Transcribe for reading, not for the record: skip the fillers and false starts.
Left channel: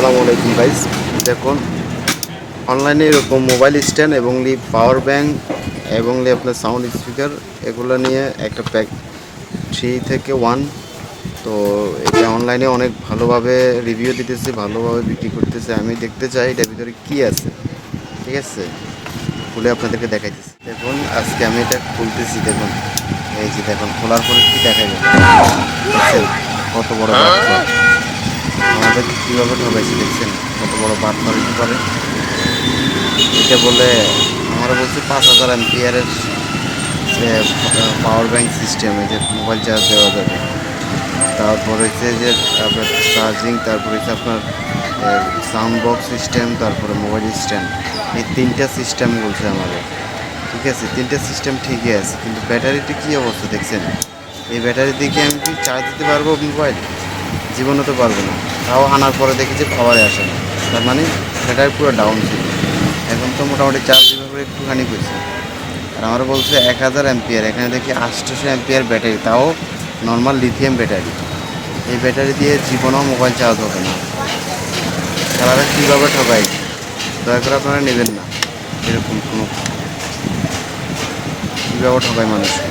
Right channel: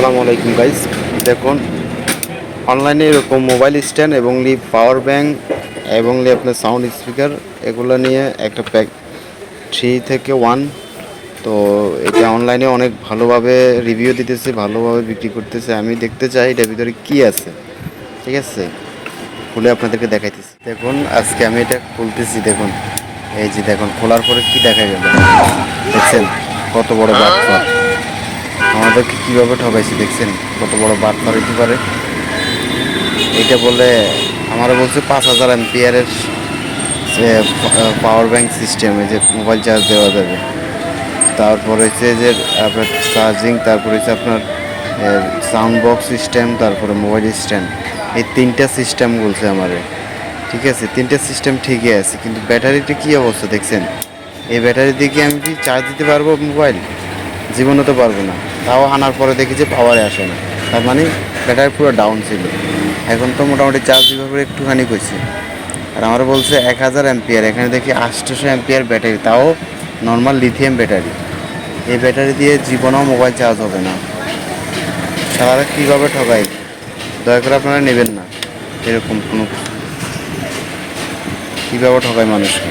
আসসালামু আলাইকুম গাইস। দেখুন অনলাইনে এরকম মোবাইল স্ট্যান্ড এবং পাওয়ার ব্যাংক এবং আপনার সাউন্ড স্পিকার এগুলো নিয়ে একটা প্যাক 3 থেকে 1। তো এটা অনলাইনে অনেক ভালোভাবে রিভিউ দিতেছে, ভালোভাবে বিক্রি করতেছে। আমি দেখতে চাই এটার ভিতরে কি আছে। ঠিক আছে, খুলে আপনাদেরকে দেখাইতেছি। দেখুন আজকে আমি এটা খুলতেছি। দেখুন এই যে দেখুন, খোলার পরে কি দেখা গেল দেখছেন, কত বড় বাচ্চা আমাদেরকে কীভাবে ঠকাইছে দেখছেন, কত বড় বার্তা দিতে পারে। এটা বলে আমারও বলছে 5000 এমপিয়ারের পাওয়ার ব্যাংক সিস্টেম, এই যে মোবাইল চার্জ দেওয়া যাবে। তারপরে হচ্ছে যে আপনার চার্জিং, তারপরে হচ্ছে আপনার সাউন্ড বক্স সিস্টেম, তারপরে মোবাইল স্ট্যান্ড, এই 3টা সিস্টেম বলছে আমারে। ঠিক আছে, 3টা সিস্টেম ঠিকই আছে, কিন্তু ব্যাটারিটি কী অবস্থা দেখছেন। এই ব্যাটারি দিয়ে কি আমি কি চার্জ দিতে পারবো মোবাইল? জীবনে তো পারবো না। তাও আনার পরে দেখি যে পাওয়ারে আসে না, তার মানে ব্যাটারি পুরো ডাউন ছিল। এখন তো মোটামুটি চার্জ দিতে একটুখানি করছে। আর আমার বলছে 1000 এমপিয়ার, এখানে দেখি 800 এমপিয়ার ব্যাটারি, তাও নর্মাল লিথিয়াম ব্যাটারি। এই ব্যাটারি দিয়ে জীবনেও মোবাইল চার্জ হবে না। তারা কীভাবে ঠকায়, দয়া করে আপনারা নেবেন না এরকম কোনো, কীভাবে ঠকায় মানুষকে।